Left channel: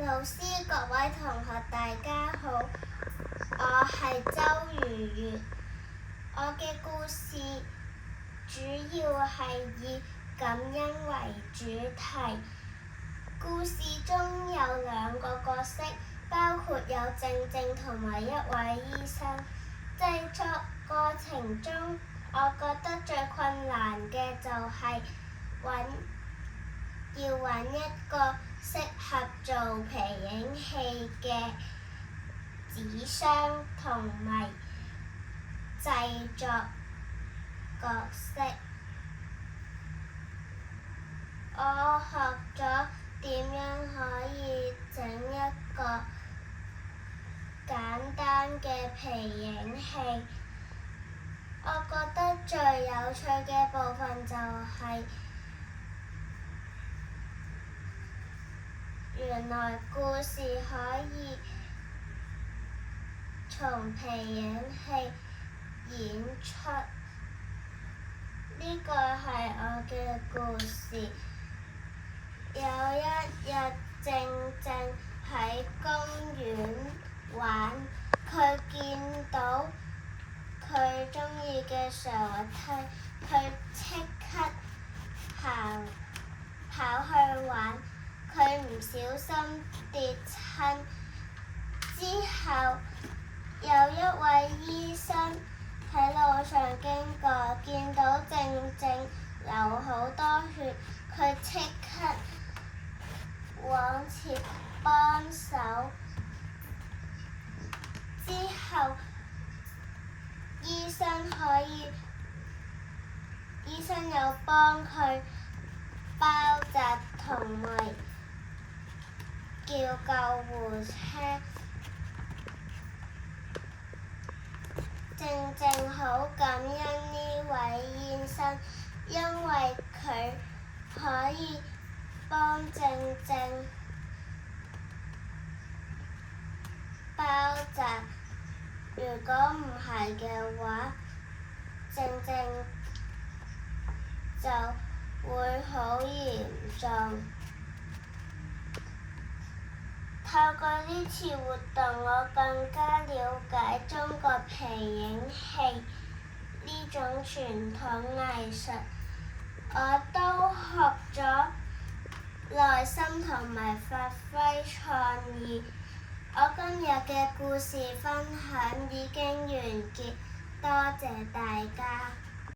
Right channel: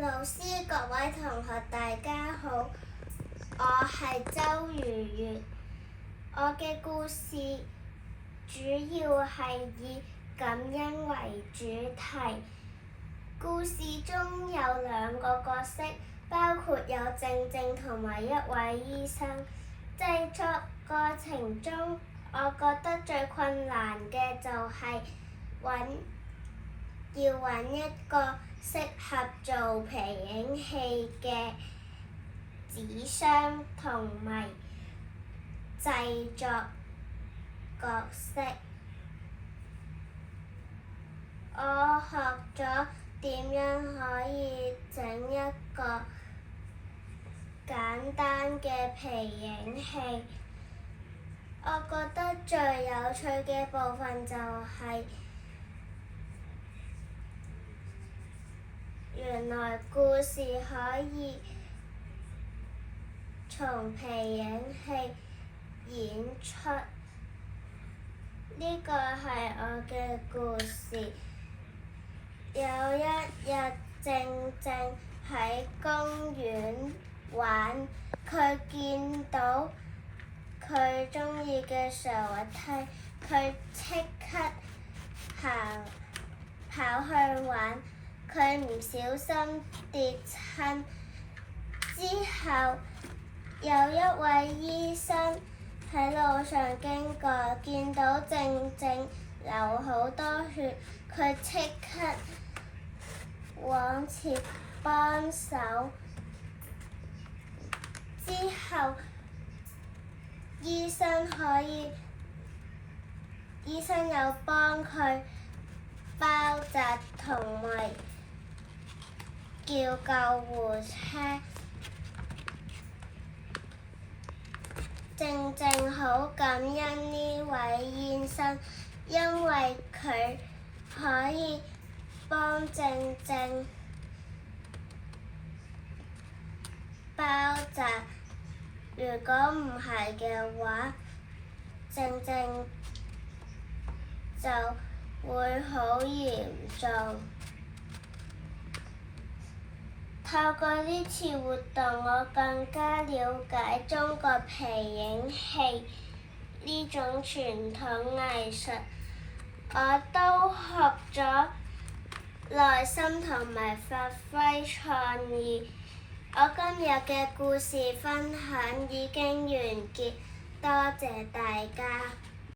老師，各位同學，大家好，我係周如月。我嘅故事主要係以感恩為主題。故事中有2個角色，包括有靜靜同埋一位醫生。製作過程中，我覺得最困難嘅就係要揾一個適合做皮影戲嘅紙箱同埋製作角色。我學咗點樣可以整一個簡單嘅皮影戲。我覺得最有趣嘅部分就係原來故事可以從皮影戲演出。呢個係我嘅故事。有一日，靜靜喺公園玩，佢見到佢鍾意嘅上滑梯，佢即刻跑去玩。佢唔小心跌親，之後有一位醫生喺路上經過，見到靜靜流好多血，佢即刻往前幫手。之後醫生又幫佢包紮同埋叫救護車。靜靜好感恩呢位醫生，因為佢可以幫靜靜包紮。如果唔係嘅話，靜靜就會好嚴重。透過呢次活動，我更加了解中國皮影戲呢種傳統藝術，我都學咗耐心同埋發揮創意。我今日嘅故事分享已經完結，多謝大家。